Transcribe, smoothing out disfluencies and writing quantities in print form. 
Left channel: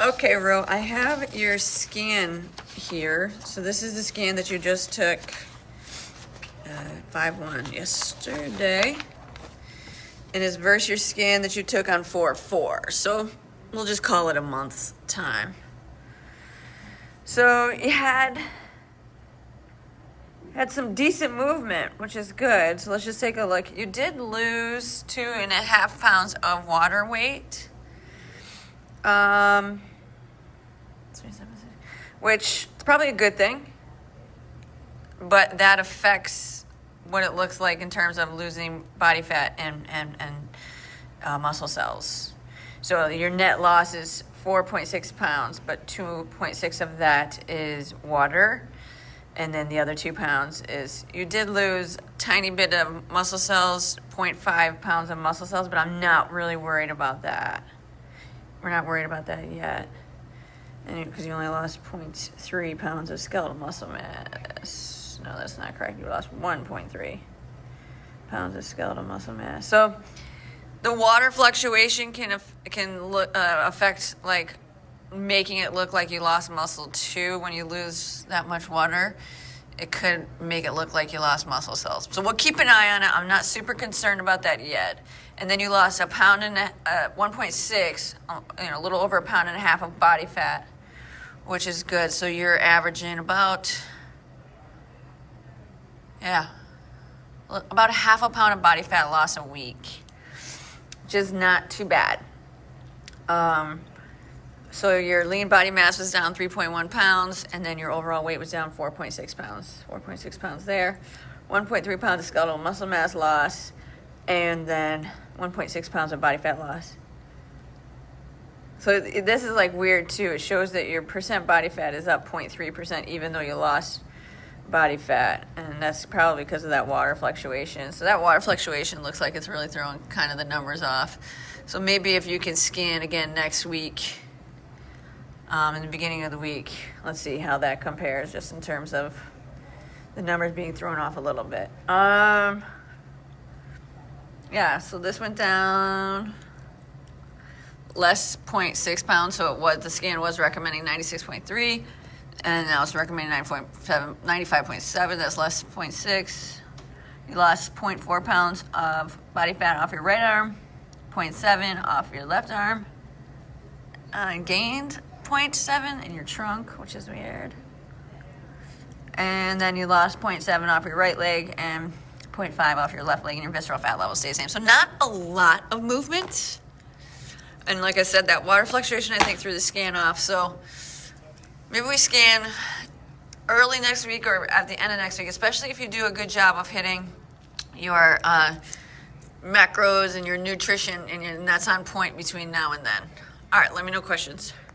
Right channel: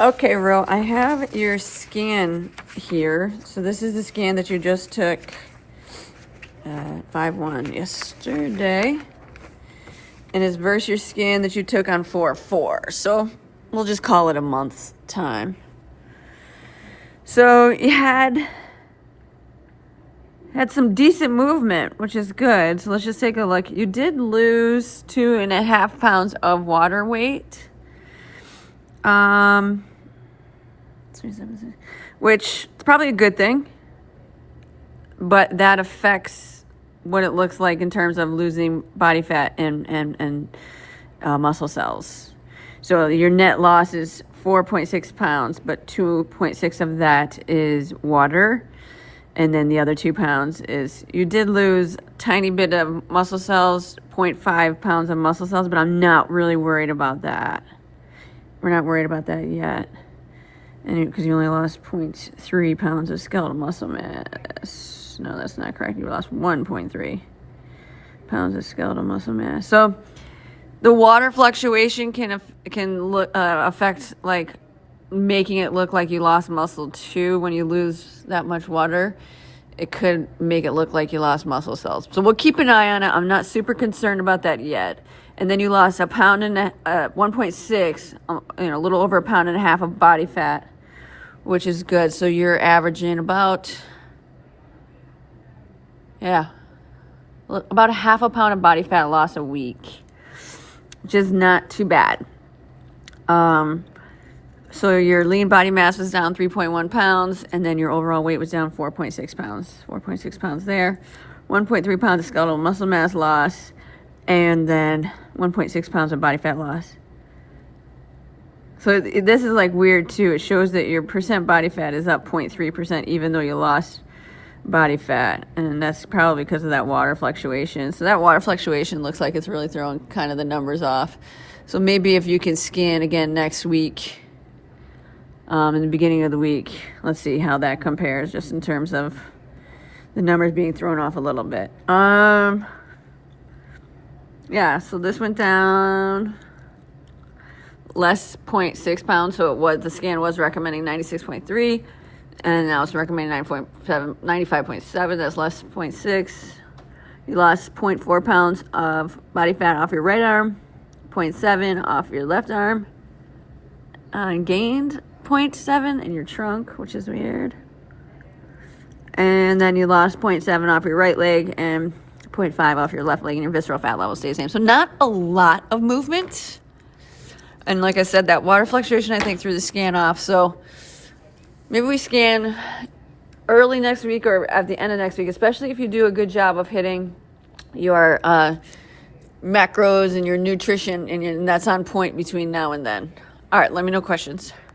Okay, Ro, I have your scan here. So this is the scan that you just took at 5/1 yesterday. And it's versus your scan that you took on 4/4. So we'll just call it a month's time. So you had some decent movement, which is good. So let's just take a look. You did lose 2.5 pounds of water weight. Which is probably a good thing, but that affects what it looks like in terms of losing body fat and muscle cells. So your net loss is 4.6 pounds, but 2.6 of that is water. And then the other 2 pounds is, you did lose a tiny bit of muscle cells, 0.5 pounds of muscle cells, but I'm not really worried about that. We're not worried about that yet. And because you only lost 0.3 pounds of skeletal muscle mass. No, that's not correct. You lost 1.3 pounds of skeletal muscle mass. So the water fluctuation can affect, like, making it look like you lost muscle too. When you lose that much water, it could make it look like you lost muscle cells. So we'll keep an eye on it. I'm not super concerned about that yet. And then you lost 1.6, a little over 1.5 pounds of body fat, which is good. So you're averaging about a 0.5 pound of body fat loss a week, which is not too bad. So your lean body mass was down 3.1 pounds, and then your overall weight was down 4.6 pounds. 4.6 pounds there. 1.3 pounds of skeletal muscle mass loss, and then 1.6 pounds of body fat loss. So this is like weird too. It shows that your percent body fat is up 0.3% even though you lost body fat. And that's probably because of that water fluctuation. So that water fluctuation looks like it's really throwing kind of the numbers off. So maybe if you can scan again next week, in the beginning of the week, let's see how that compares just in terms of the numbers being thrown off a little bit. Yeah, so this went down less 0.6 pounds. So the scan was recommending 96.3, and now it's recommending 95.7. That's less 0.6. You lost 0.4 pounds of body fat off your right arm, 0.7 off your left arm, and gained 0.7 in your trunk, which is weird. And then you lost 0.7 off your right leg and 0.5 off your left leg, and your visceral fat level stays the same. So not a lot of movement. And like I said, that water fluctuation, I think, threw the scan off. So maybe we scan early next week or at the end of next week, especially if you do a good job of hitting your macros and your nutrition, and that's on point between now and then. All right, let me know questions.